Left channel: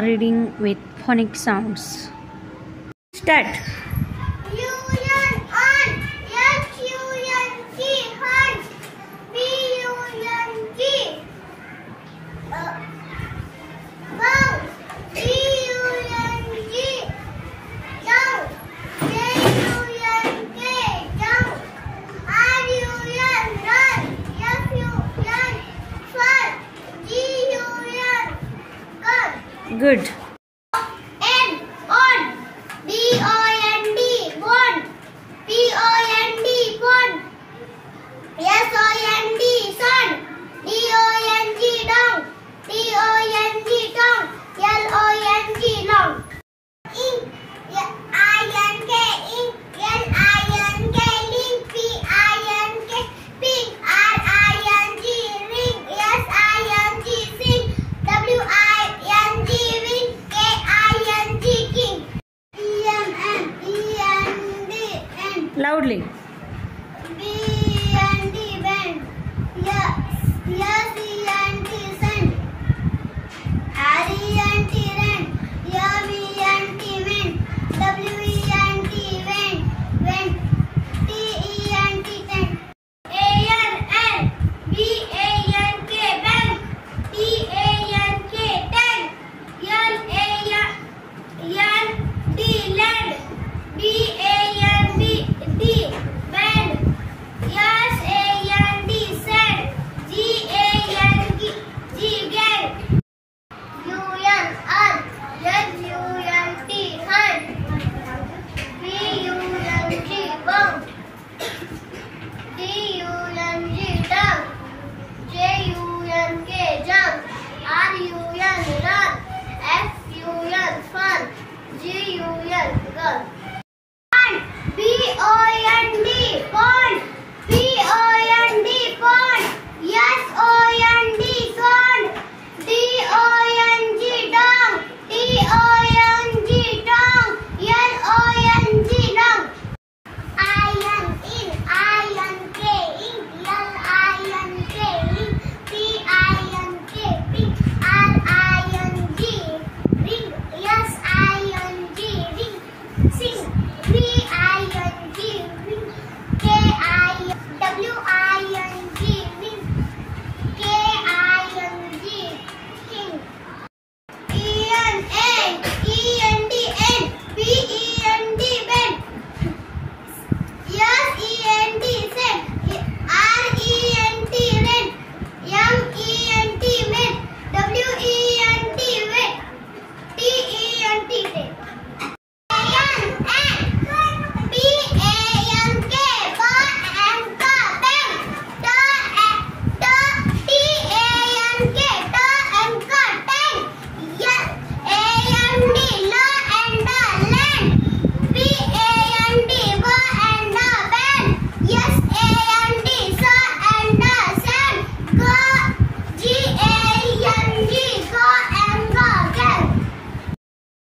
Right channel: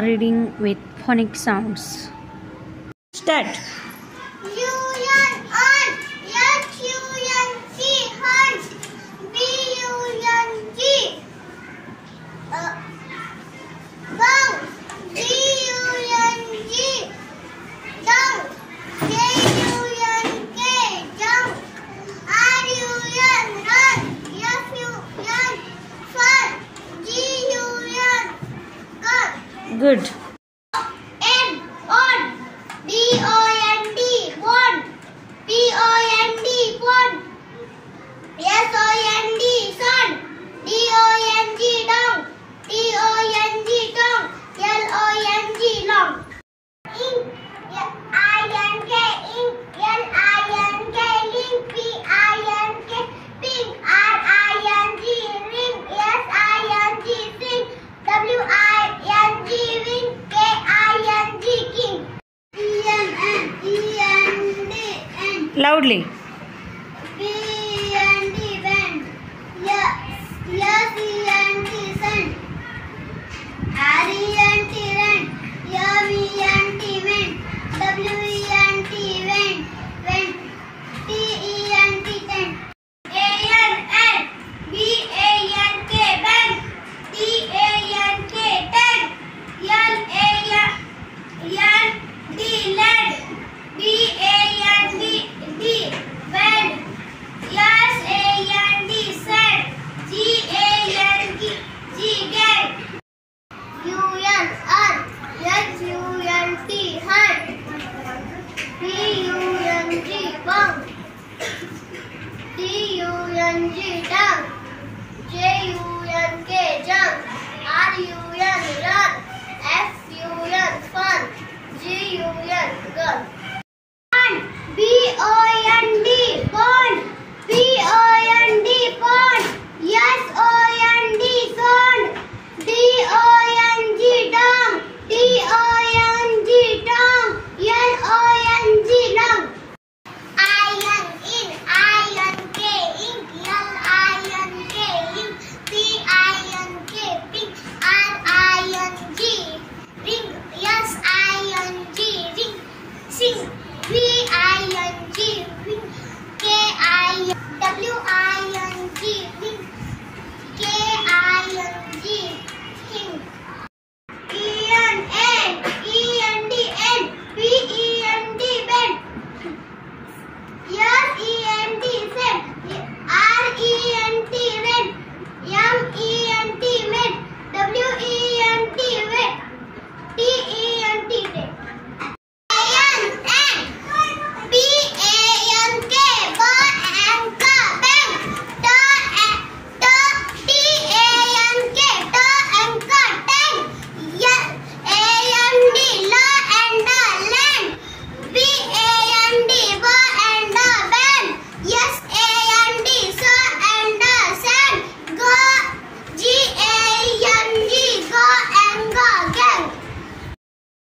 reading with phonic sounds. Start. Good. N on BOND bond POND bond SOND son DONG dong DONG dong LONG long ink INK ink LINK link PINK pink RING ring SING sing WING wing KING king END Loudly. BND bend SENT send RENT rent MENT men WENT went TENT tent ANN BANK bank TANK tent LAND led BAND bed SAND said GANG gag UN earth HUNT hurt BUNG bump DUNG dog JUNK jump RUN